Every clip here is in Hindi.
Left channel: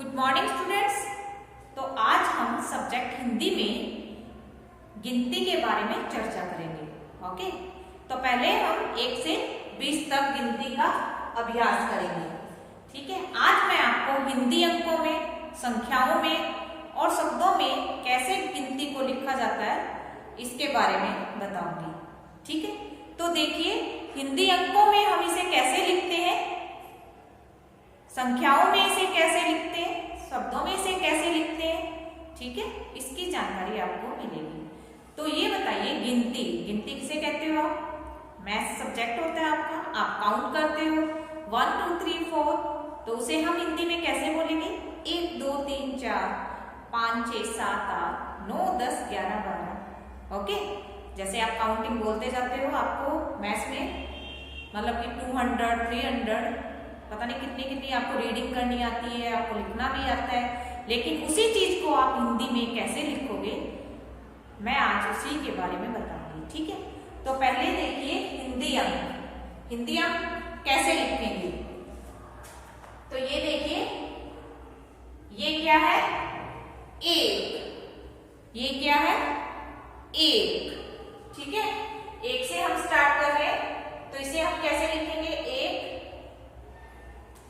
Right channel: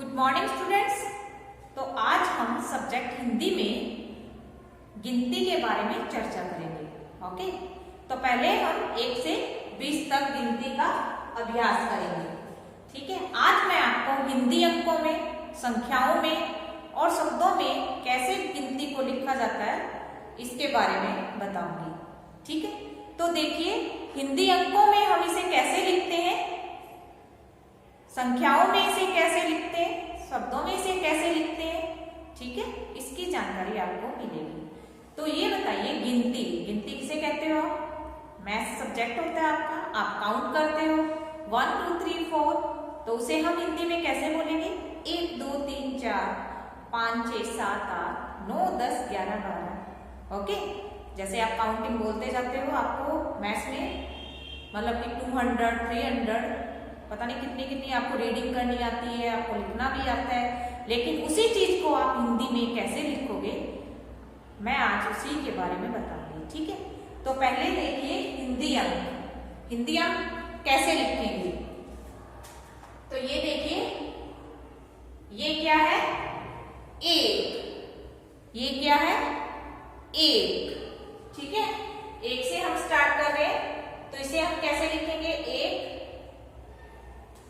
Good morning students. तो आज हम सब्जेक्ट हिंदी में गिनती के बारे में चर्चा करेंगे। ओके, तो पहले हम 1 से 20 तक गिनती का अभ्यास करेंगे। ठीक है, आज मैं आपको हिंदी अंकों में, संख्याओं में और शब्दों में कैसे गिनती को लिखा जाता है इसके बारे में बताऊंगी। ठीक है, तो देखिए हिंदी अंकों में हम इसे कैसे लिखते हैं, संख्याओं में इसे कैसे लिखते हैं, शब्दों में इसे कैसे लिखते हैं। ठीक है, इसकी जानकारी आपको मिलेगी। तो ये बताइए, गिनती किसे कहते हो आप? मैथ सब्जेक्ट होता है आपका, आप काउंट करते हो 1 2 3 4, तो उसे हम हिंदी में कैसे बोलेंगे? 1 2 3 4 5 6 7 8 9 10 11 12। ओके, जैसे आप काउंटिंग बोलते जाते हो, आपको मैथ्स में मतलब कि 200 300 पता नहीं कितनी कितनी आपको रीडिंग करनी आती है, आपको लिखना भी आता है, लेकिन उसी चीज को आप हिंदी में कैसे लिखोगे मैं आज उसी के बारे में बताऊंगी। ठीक है, तो पहले देखिए हिंदी अंक कैसे लिखेंगे। तो ये देखिए, ये क्या है? 1। ये क्या है? 1। ठीक है, 1 से हम स्टार्ट कर रहे हैं, तो इसे हम कैसे लिखेंगे? 1।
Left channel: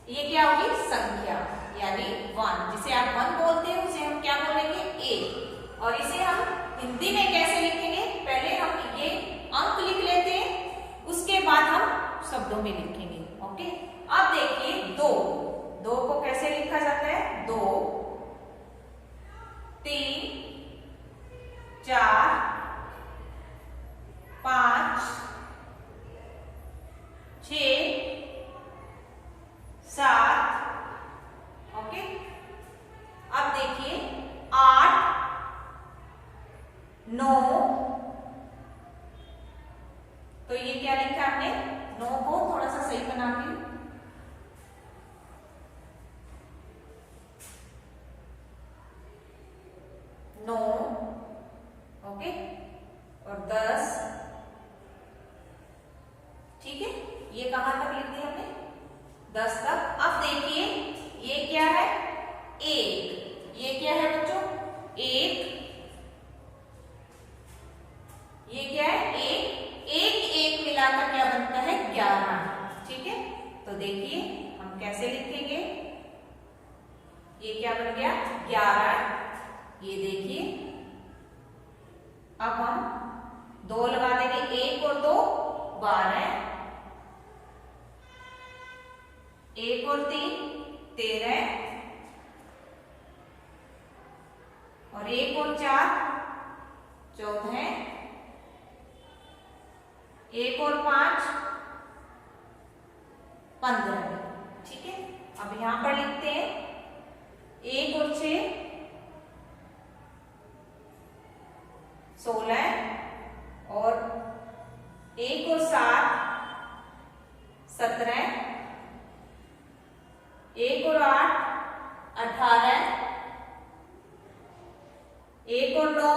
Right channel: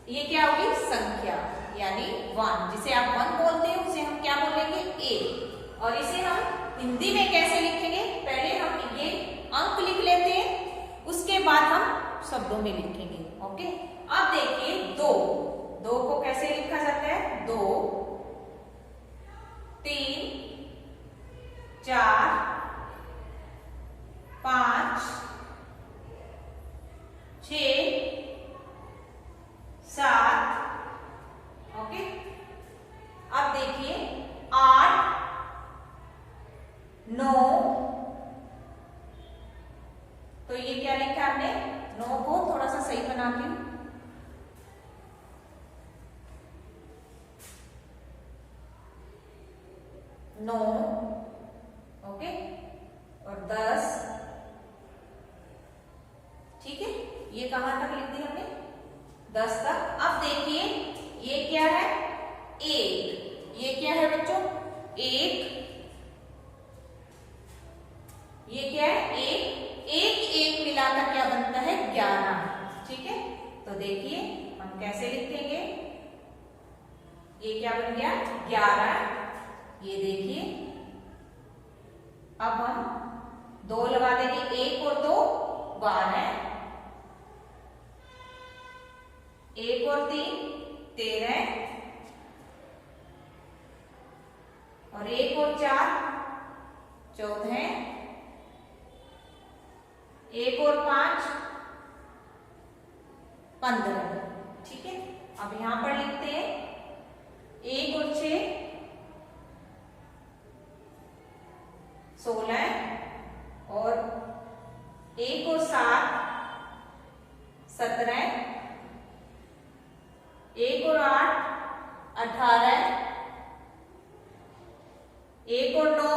ये क्या होगी? संख्या, यानी 1, जिसे आप 1 बोलते हैं उसे हम क्या बोलेंगे? 1। और इसे हम हिंदी में कैसे लिखेंगे? पहले हम ये अंक लिख लेते हैं, उसके बाद हम शब्दों में लिखेंगे। ओके, अब देखिए 2 को कैसे लिखा जाता है? 2 3 4 5 6 7। ओके, अब देखिए 8 9। तो ये क्या लिखा हमने? 9 को थोड़ा सा सही बना के 9। ओके, और 10। ठीक है, ये कहां तक लिख दी हमने? 10 तक। अब देखिए ये क्या है? 1। ये क्या है बच्चों? 1। ये क्या है? 1 मिलाकर क्या बनता है? 11। ठीक है, तो देखिए हम कैसे लिखेंगे। ये क्या बन गया? 11। ये देखिए, अब हम 2 लगा देंगे, 1 और 2 12, 1 और 3 13, और 1 और 4 14, 1 और 5 15। ठीक है, अब यहां पर लिखते हैं 1 और 6 16, और 1 और 7 17, 1 और 8 18, 1 और 9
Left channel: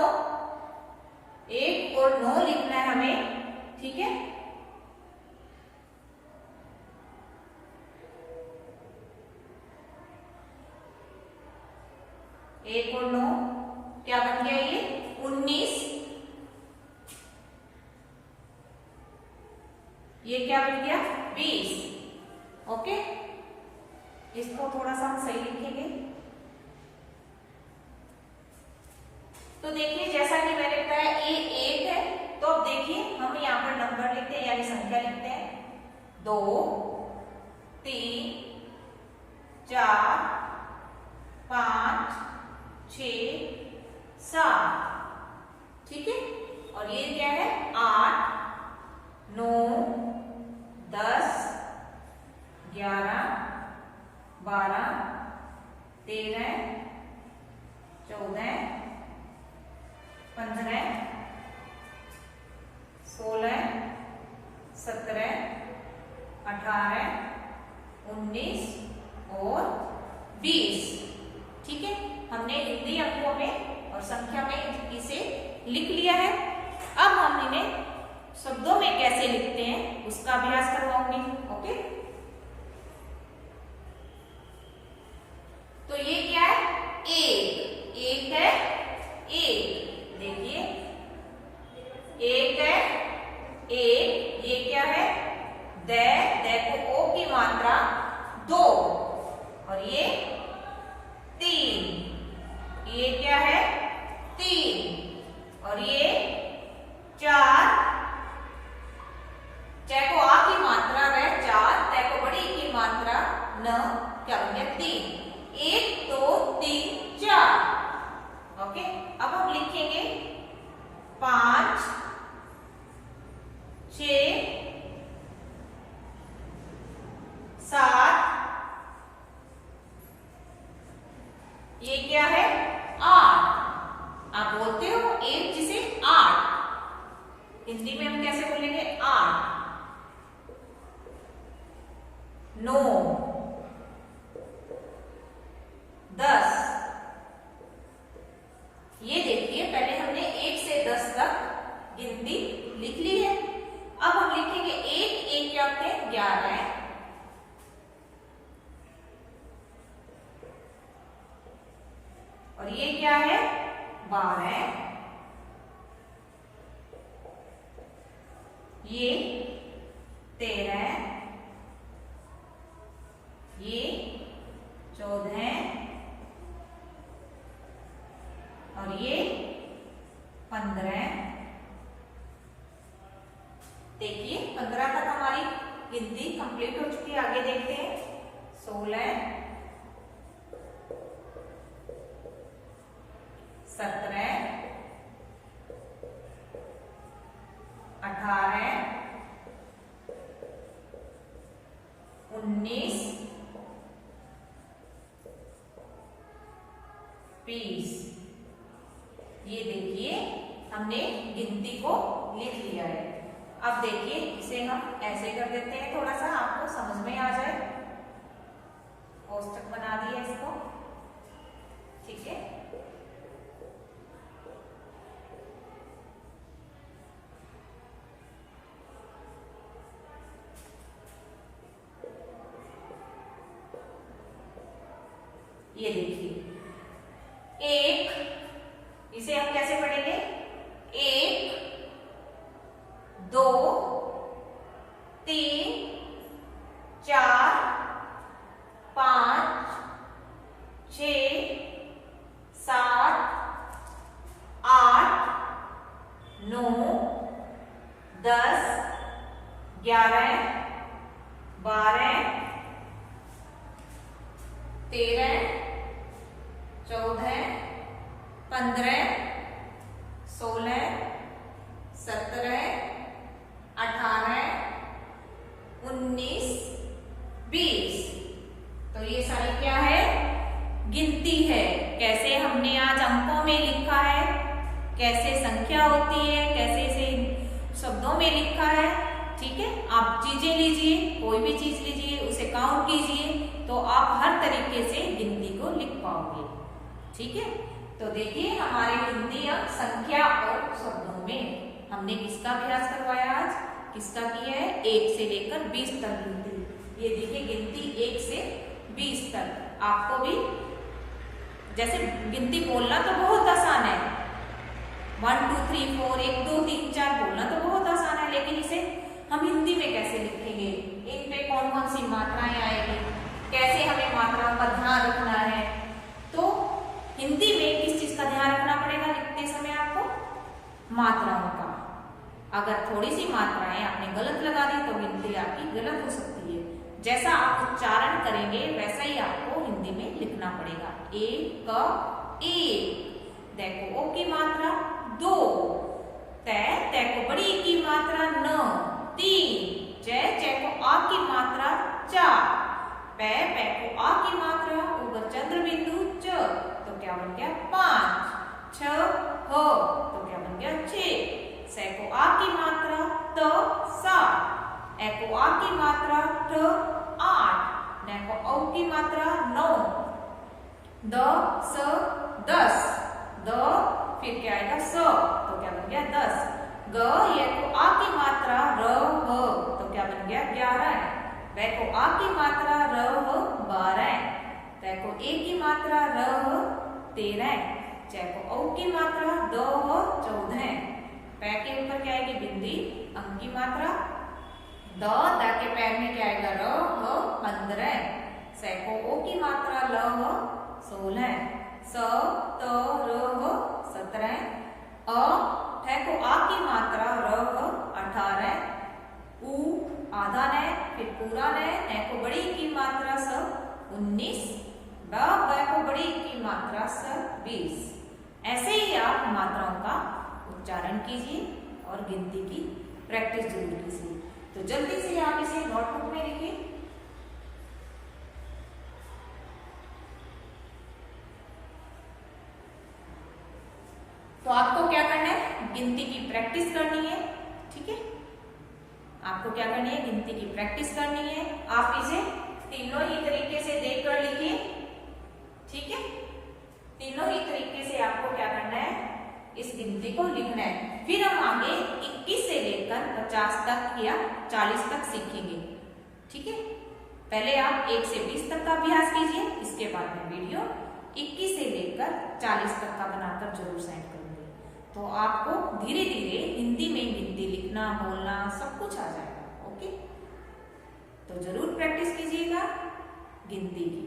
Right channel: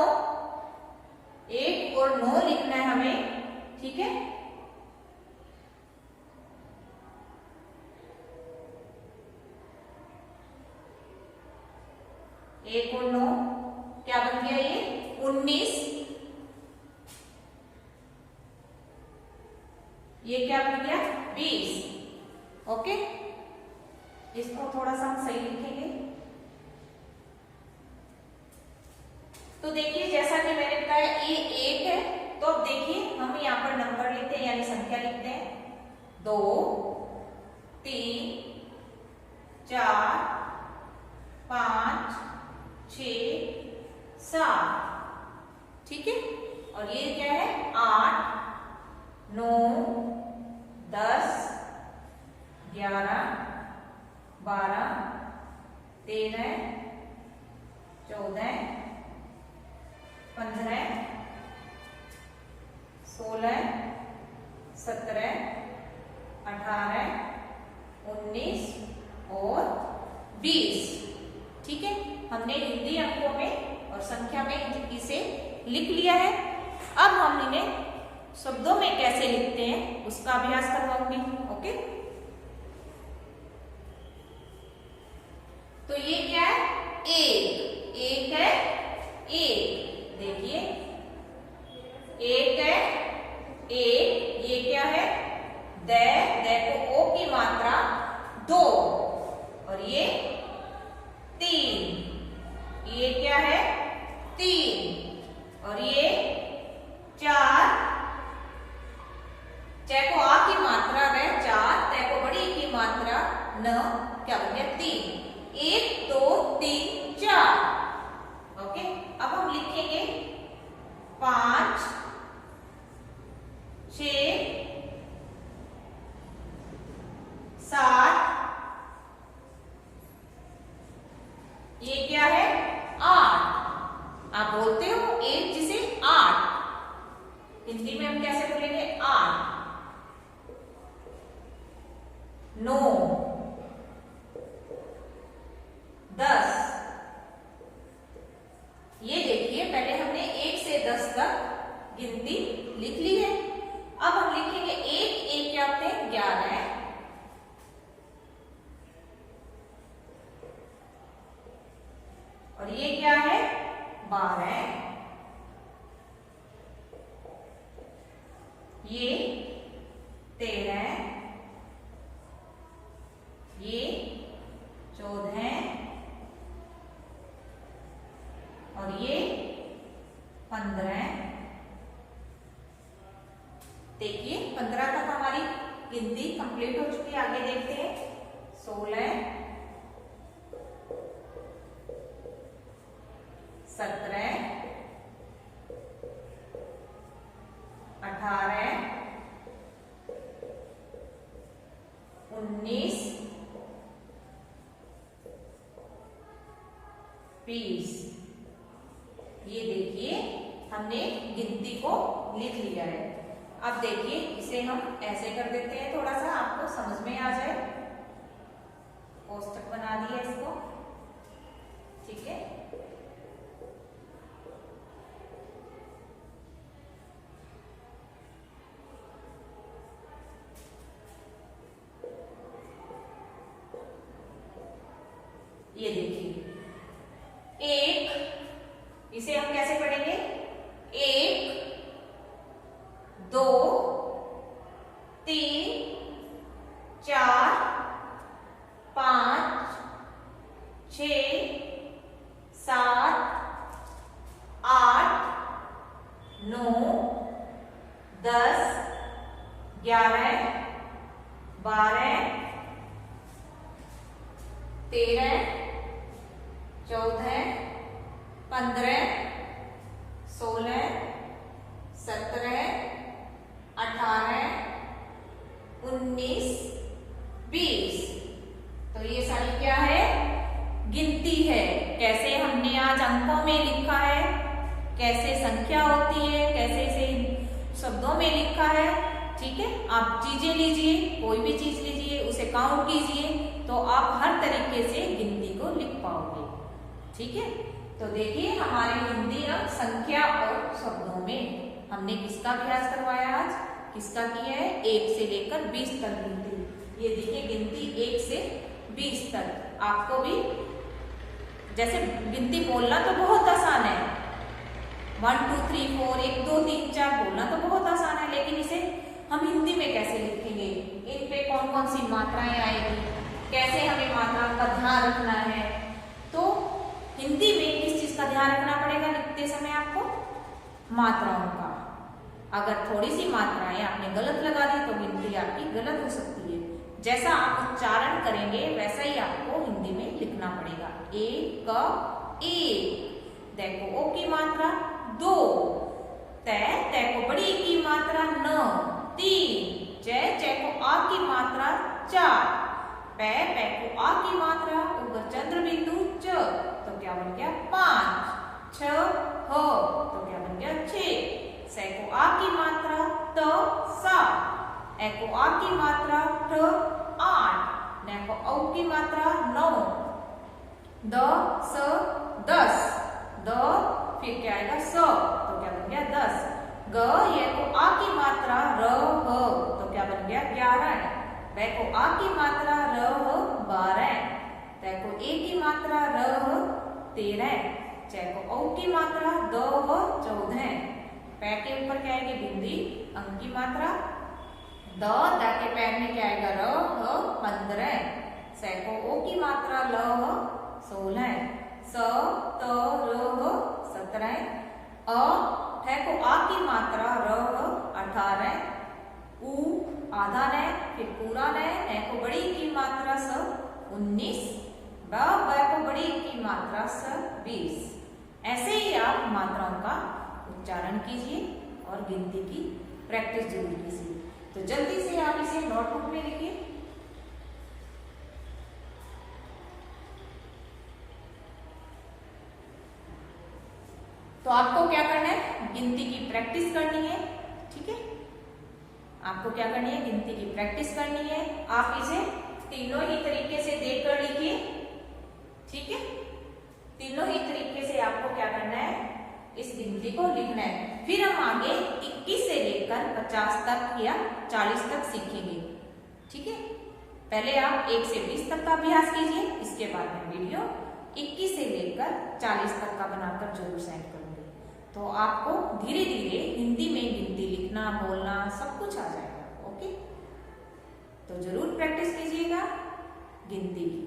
1 और 9 लिखना है हमें। ठीक है, एक और 9 क्या बन गया? ये 19। ये क्या बन गया? 20। ओके, इसको थोड़ा सा हम सही लिखेंगे। तो देखिए, जैसा कि मैंने बताया ये 1 है, तो अब देखिए हम यहाँ पर नंबर लिखते हैं, यानी संख्या लिखते हैं 2 3 4 5 6 7। ठीक है, और ये क्या है? 8 9 10 11 12 13 14 15 16 17 18 19 और 20। ठीक है, हमने हिंदी अंकों में और संख्या में इसे लिख लिया है। अब हम इन्हें शब्दों में कैसे लिखते हैं उसका अभ्यास करवाऊंगी। ओके, तो ये न क्या बन गया 3, 1 2 3 4। ओके, अब हम लिखेंगे 5 6 7, ये क्या है 8। आप बोलते हो 1 जिसे 8, हिंदी में हम कैसे बोलेंगे 8। 9 10। ये देखिए पहले हमने 1 से 10 तक गिनती लिख ली है। अब हम लिखेंगे 1 क्या होते हैं 11, और ये क्या है 12, ये 13, ये 14, और ये 15। देखिए 15 तक हमारी गिनती कंप्लीट हो चुकी है। आगे देखते हैं 16 17 18 19 20। ये देखिए हमने गिनती को लिख लिया है। अब देखिए इसे हम ऐसे कर देते हैं, थोड़ा सा आपको समझ में आ जाए। कोष्टक बना दिया इसको, ठीक है। ये देखिए 1, इसे हम कैसे पढ़ेंगे 1 2 3 4 5 6 7 8 9 10 11 12 13 14 15 16 17 18 19 20। तो ये सारी क्या है गिनती है। कैसे हमने आज अंकों में लिखा है, कैसे संख्या होती है, कैसे इसे शब्दों में लिखा है, ठीक है। आप चीजें लीजिए, कोई भी चीज लीजिए, उसे काउंट कीजिए, तो आप हर तरीके से गिनती को लिख पाओगे, ठीक है। तो देखिए हमारी गिनती अब संख्या और शब्दों में हमने किसका अभ्यास करवाया आज, किसका किया है 1 से लेकर 20 तक गिनती। ये देखिए गिनती 1 से 20 तक। आपको भी जैसे गिनती बोलना तो बहुत आसान है, 1 2 3 4 1 2 3 4 बोलना तो बहुत आसान है, लेकिन इसे हम हिंदी में कैसे लिखेंगे, इन पे कौन कौन सी मात्राएं आएगी, कैसे हमें मात्राओं का ध्यान रखना है। तो हिंदी में किस चीज का ध्यान रखना पड़ेगा लिखते समय आपको, मात्राओं का। अगर थोड़ी सी मात्राएं आपने गलत लगा दी तो गिनती आपकी गलत हो सकती है। जैसा आप उच्चारण करेंगे वैसा ही आपको हिंदी में लिखना पड़ेगा। एक देखो ओ की मात्रा 2, तय को बड़ी की मात्रा 9, 3, जय को आ की मात्रा 4, पै को आ की मात्रा ऊपर चंद्र बिंदु च, तो क्या बन गया 5, 6 ह, तो क्या बन गया 6, सै को आ की मात्रा त 7, ए को आ की मात्रा ठ 8, न को औ की मात्रा 9, द स 10, द फिर क्या आएगा स, तो क्या बन गया 10, ग ये को आ की मात्रा र ह, तो क्या बन गया 11, वै को आ की मात्रा र ह 12, तै को ए की मात्रा र ह 13, चै को औ की मात्रा द ह 14, पै के ऊपर क्या आएगी बिंदी अंक की मात्रा, द के पैर में क्या आएगा र ह 15, सै को ओ की मात्रा ल ह 16, स त र ह 17, अ ठे को आ की मात्रा र ह 18, उ आधा न फिर पूरा न को बड़ी की मात्रा स 19, ब को बड़ी की मात्रा स 20। ऐसे ही आप मात्राओं का उच्चारण कीजिए और गिनती की प्रैक्टिस जरूर कीजिए। तो जल्दी से आप इसे नोटबुक में लिखिए। तो आपको क्या करना है, गिनती की प्रैक्टिस करनी है। ठीक है, आपको क्या करनी है, गिनती की प्रैक्टिस करनी है। आप इसे तीनों ही तरीके से देखकर लिखिए। ठीक है, तीनों ही तरीके से आपको क्या करना है, इस गिनती को लिखना है। फिर हम आगे 21 से लेकर 50 तक या 40 तक सीखेंगे। ठीक है, पहले आप 1 से 20 तक का अभ्यास कीजिए, इसके बाद में वीडियो 21 से लेकर 40 तक का बनाकर जरूर सेंड करूंगी। तो आपको धीरे धीरे हिंदी में गिनती लिखना, बोलना सब कुछ आ जाएगा। ओके, तो जरूर प्रैक्टिस कीजिएगा गिनती की।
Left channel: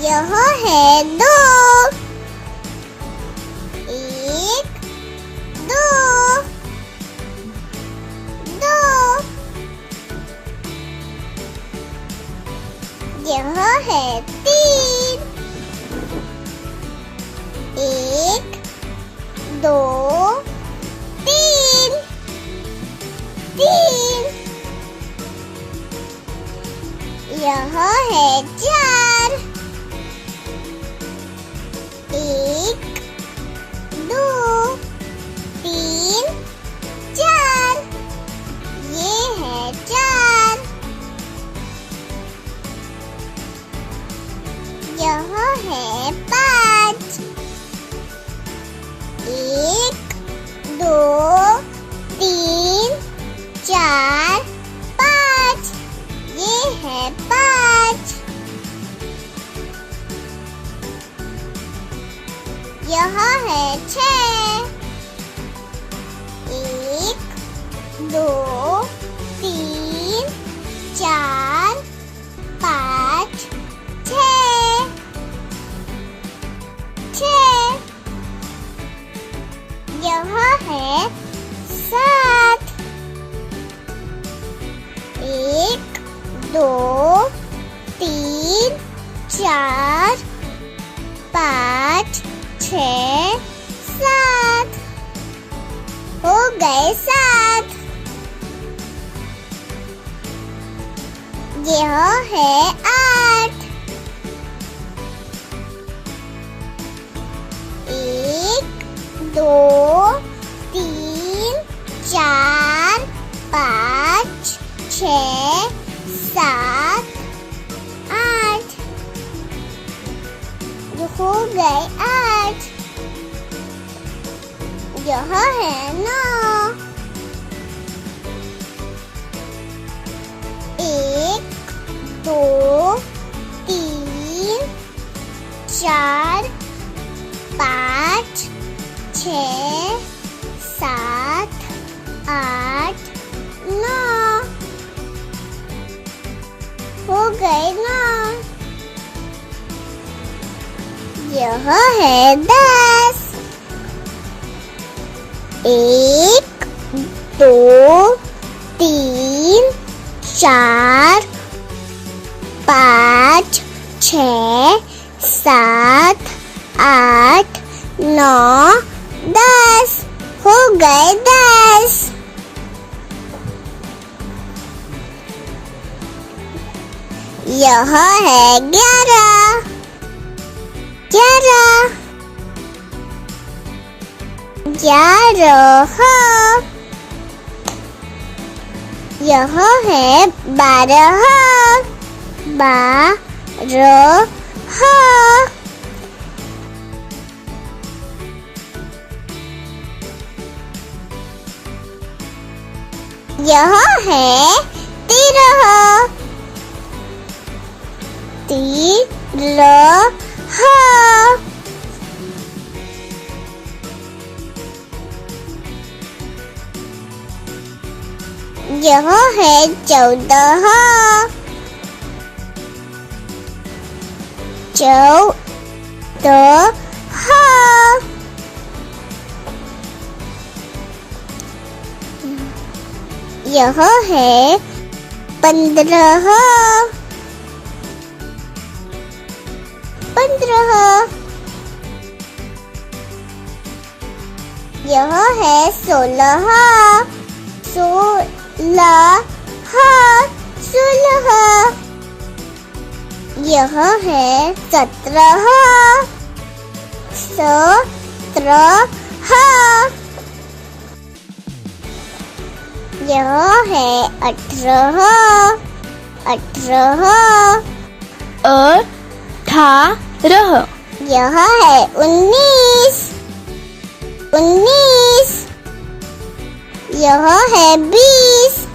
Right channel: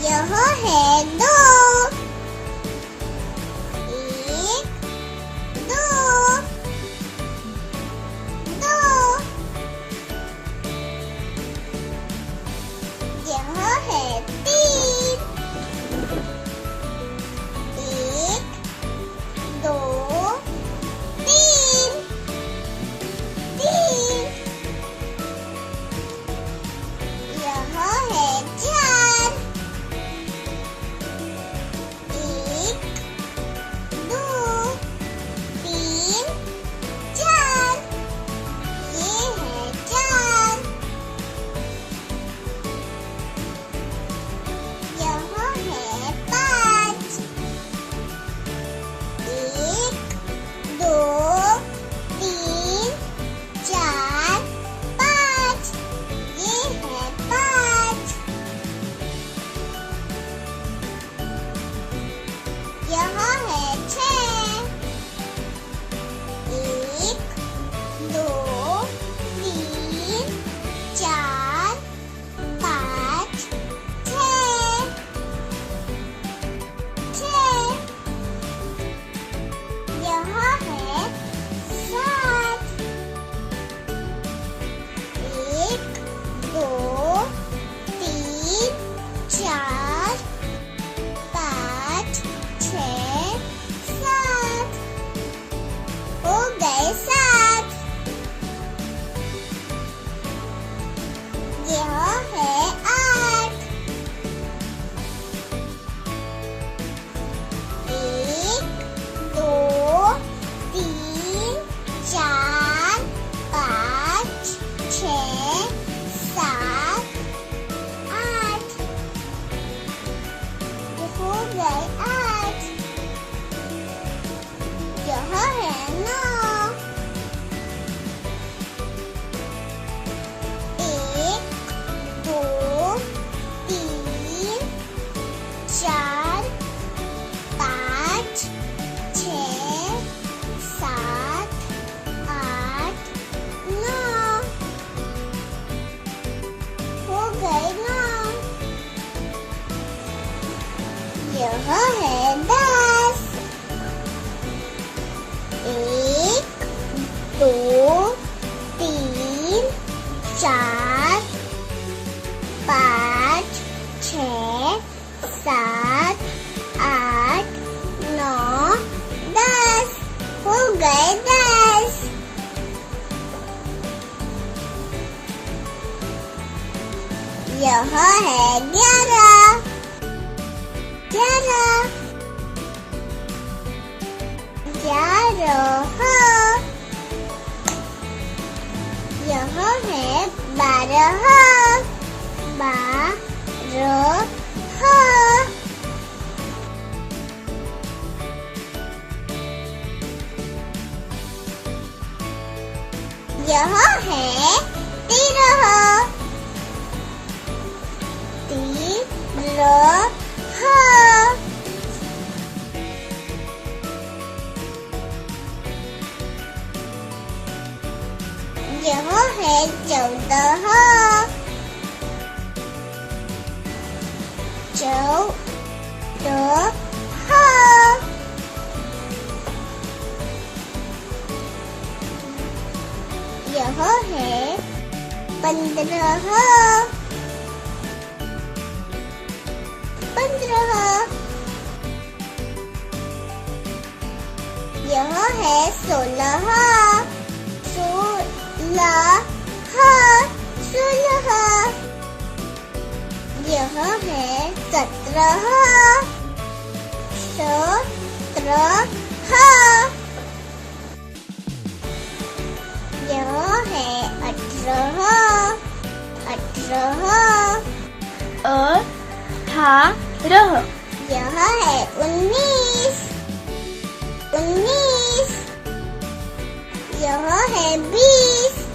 यह है 2, 1, 2, 2। यह है 3, 1, 2, 3, 3। यह है 4, 1, 2, 3, 4। ये है 4। यह है 5, 1, 2, 3, 4, 5। ये है 5। यह है 6, 1, 2, 3, 4, 5, 6, 6। यह है 7, 1, 2, 3, 4, 5, 6, 7। हो गए 7। यह है 8, 1, 2, 3, 4, 5, 6, 7, 8। हो गए 8। यह है 9, 1, 2, 3, 4, 5, 6, 7, 8, 9। हो गए 9। यह है 10, 1, 2, 3, 4, 5, 6, 7, 8, 9, 10। हो गए 10। यह है 11 11 11 यह है 12 12 यह है 13 13 यह है 14 14 यह है 15 15 यह है 16 16 16 यह है 17 17 यह है 18 18 यह है 19 19 यह है 20